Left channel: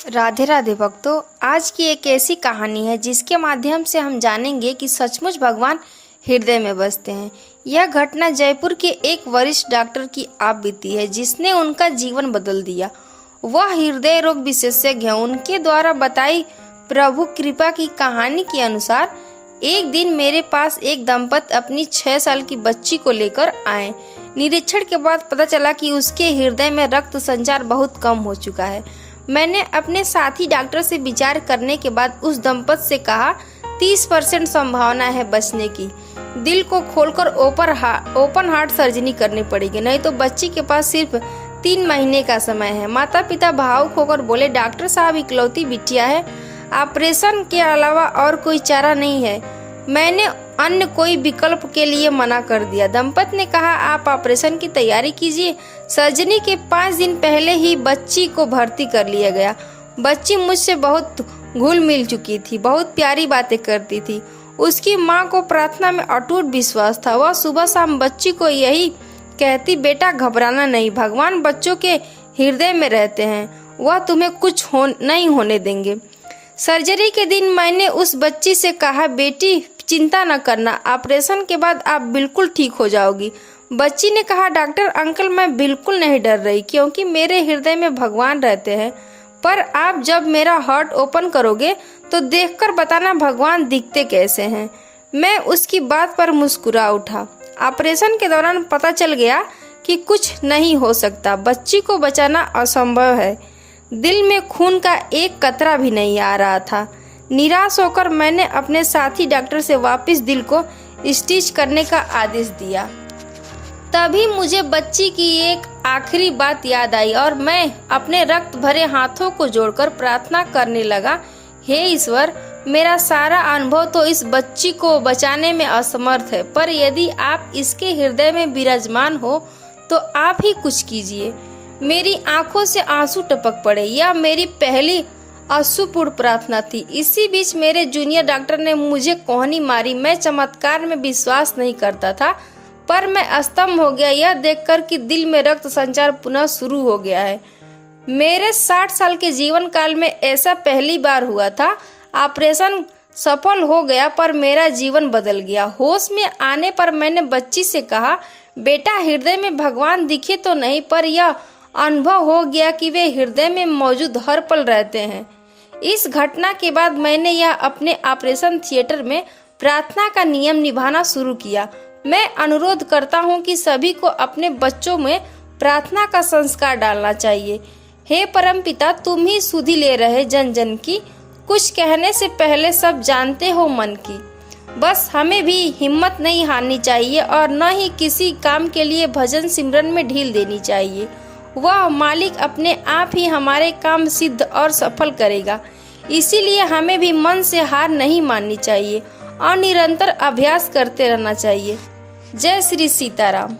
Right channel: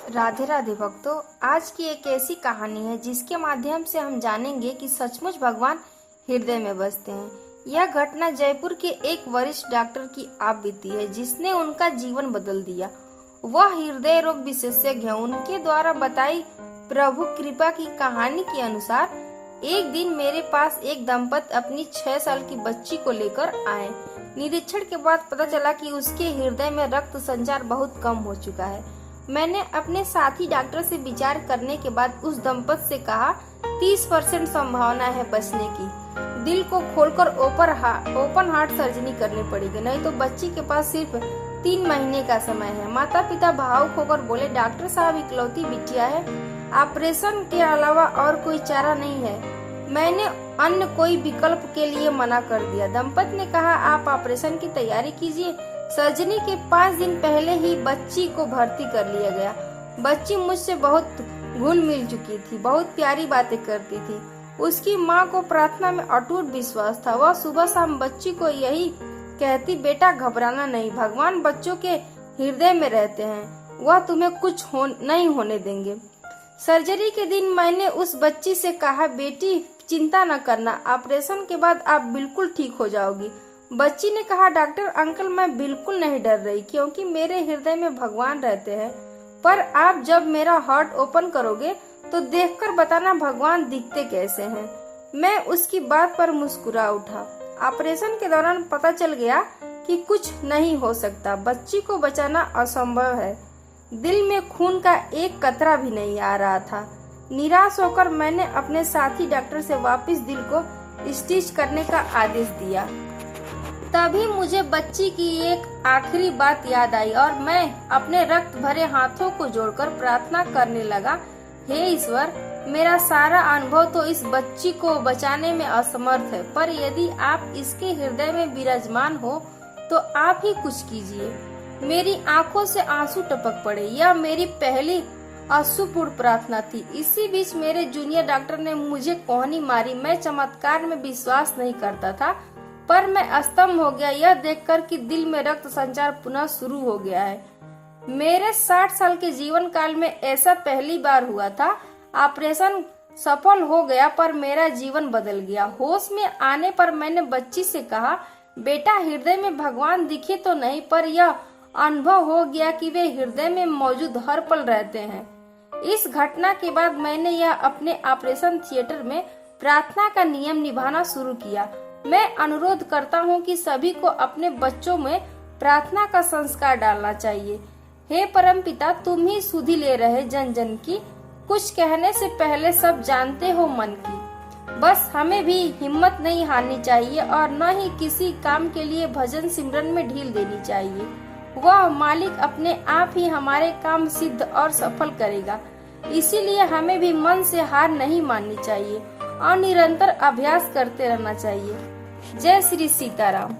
राधे राधे भक्तों। आज की एक ऐसी कहानी है जिसके माध्यम से हम जानेंगे कि सचमुच भगवान हृदय में बसते हैं। यह घटना जयपुर के एक वरिष्ठ डॉक्टर की आप बीती है जिसने उनका जीवन बदल दिया। वह हृदय रोग विशेषज्ञ हैं। उनके द्वारा बताई प्रभु कृपा की कहानी के अनुसार एक दिन मेरे पास एक दंपत अपनी 6 साल की बच्ची को लेकर आए। निरीक्षण के बाद पता चला कि उसके हृदय में रक्त संचार बहुत कम हो चुका है। मैंने अपने साथी डॉक्टर से विचार करने के बाद उस दंपत से कहा 30% संभावना है बचने की। दिल को खोलकर ओपन हार्ट सर्जरी करनी पड़ेगी, नहीं तो बच्ची के पास सिर्फ 3 महीने का समय है। माता पिता भावुक होकर बोले, डॉक्टर साहब इकलौती बिटिया है, ऑपरेशन के अलावा और कोई चारा नहीं है। मैंने अन्य कोई विकल्प के लिए मना कर दिया। दंपत ने कहा, आप ऑपरेशन की तैयारी कीजिए। सर्जरी के 5 दिन पहले ही बच्ची को भर्ती कर लिया गया। बच्ची मुझसे बहुत घुल मिल चुकी थी, बहुत प्यारी बातें करती थी। उसकी माँ को प्रार्थना में अटूट विश्वास था। वह सुबह शाम बच्ची को यही कहती, बेटा घबराना नहीं, भगवान बच्चों के हृदय में रहते हैं, वह तुम्हें कुछ नहीं होने देंगे। सर्जरी के दिन मैंने उस बच्ची से कहा, बेटी चिंता न करना, ऑपरेशन के बाद आप बिल्कुल ठीक हो जाओगी। बच्ची ने कहा, डॉक्टर अंकल मैं बिल्कुल नहीं डर रही, क्योंकि मेरे हृदय में भगवान रहते हैं। पर आप जब मेरा हार्ट ओपन करोगे तो देखकर बताना भगवान दिखते कैसे हैं। मैं उसकी बात पर मुस्कुरा उठा। ऑपरेशन के दौरान पता चल गया कि कुछ नहीं हो सकता, बच्ची को बचाना असंभव है। दिल में खून का एक कतरा भी नहीं आ रहा था। निराश होकर मैंने अपने साथी डॉक्टर से वापस दिल को स्टिच करने का आदेश दिया। तभी मुझे बच्ची की एक आखिरी बात याद आई और मैं अपने रक्त भरे हाथों को जोड़कर प्रार्थना करने लगा, हे ईश्वर, मेरा सारा अनुभव तो इस बच्ची को बचाने में असमर्थ है, पर यदि आप इसके हृदय में विराजमान हो तो आप ही कुछ कीजिए। मेरी आंखों से आंसू टपक पड़े। यह मेरी पहली अश्रुपूर्ण प्रार्थना थी। इसी बीच मेरे जूनियर डॉक्टर ने मुझे कोहनी मारी। मैं चमत्कार में विश्वास नहीं करता था, पर मैं स्तंभ हो गया यह देखकर कि दिल में रक्त संचार पुनः शुरू हो गया है। मेरे 60 साल के जीवन काल में ऐसा पहली बार हुआ था। ऑपरेशन सफल हो गया, पर मेरा जीवन बदल गया। होश में आने पर मैंने बच्ची से कहा, बेटा हृदय में भगवान दिखे तो नहीं, पर यह अनुभव हो गया कि वे हृदय में मौजूद हर पल रहते हैं। इस घटना के बाद मैंने यह अपने ऑपरेशन थिएटर में प्रार्थना का नियम निभाना शुरू किया। मैं अनुरोध करता हूँ कि सभी को अपने बच्चों में प्रार्थना का संस्कार डालना चाहिए। हे परमपिता, तुम ही सुधि ले रहे जन जन की, कुछ कहने से पहले सब जानते हो मन की। बस हमें भी हिम्मत नहीं हारनी चाहिए और न ही किसी काम के लिए भजन सिमरन में ढील देनी चाहिए। वह मालिक अपने आप ही हमारे काम सिद्ध और सफल करेगा। इसीलिए हमें भी मन से हार नहीं माननी चाहिए और निरंतर अभ्यास करते रहना चाहिए। जय श्री सीताराम।